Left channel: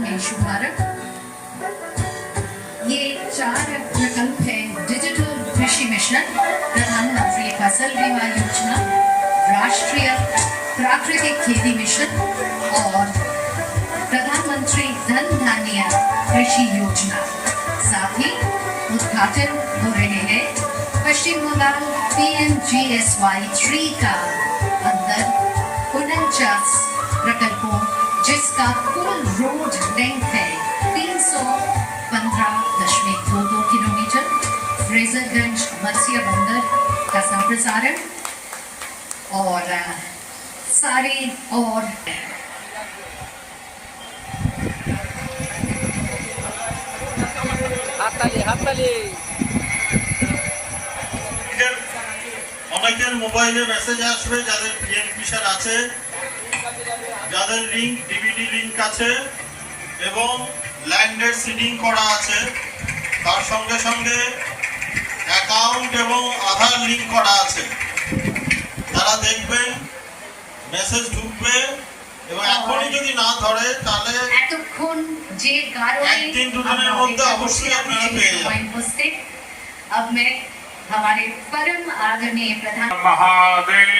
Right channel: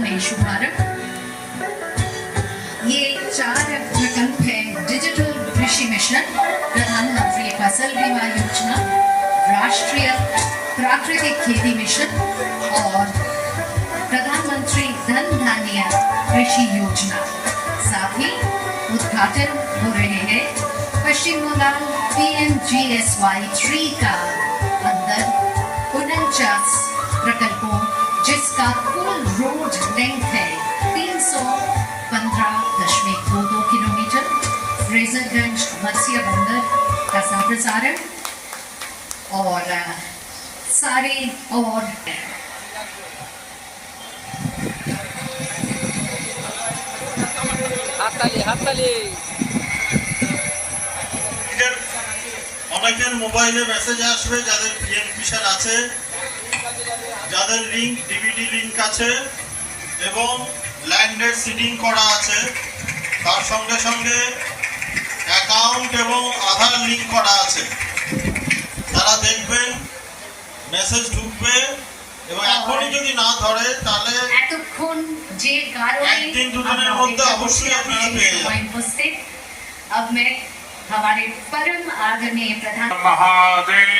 में शुभारंभ। ये 4 प्रकल्प है डिजिटल कृषि मिशन, प्रधानमंत्री फसल बीमा योजना, राष्ट्रीय प्राकृतिक खेती मिशन और प्रधानमंत्री धन धान्य कृषि योजना। साथ ही उद्घाटन हो रहे हैं पश्चिम बंगाल PMGSY 3 का अंदर 49 प्रकल्पों, जिसका कुल रोड लेंथ है 315.22 किलोमीटर। फ्रेजरगंज मत्स्य बंदर का संप्रसारण और सारी और অনেকের মোবাইলে মেসেজ আসবে যাদের পিএম কিষাণ আছে, যাদের লিংক ডিবিটি লিংক আছে এবং ল্যান্ডের সিডিং করা আছে, তার সঙ্গে সঙ্গে অ্যাকাউন্ট এবং আধার লিংক করা আছে, তারা দেখবেন মেসেজ ঢুকবে এবং এখনই যদি না ধরে তাহলে এতক্ষণ যে কারণে একদিন দুদিনের মধ্যে অবশ্যই আপনারা পেয়ে যাবেন। अब मैं हमारे परम आदरणीय प्रधान महादेव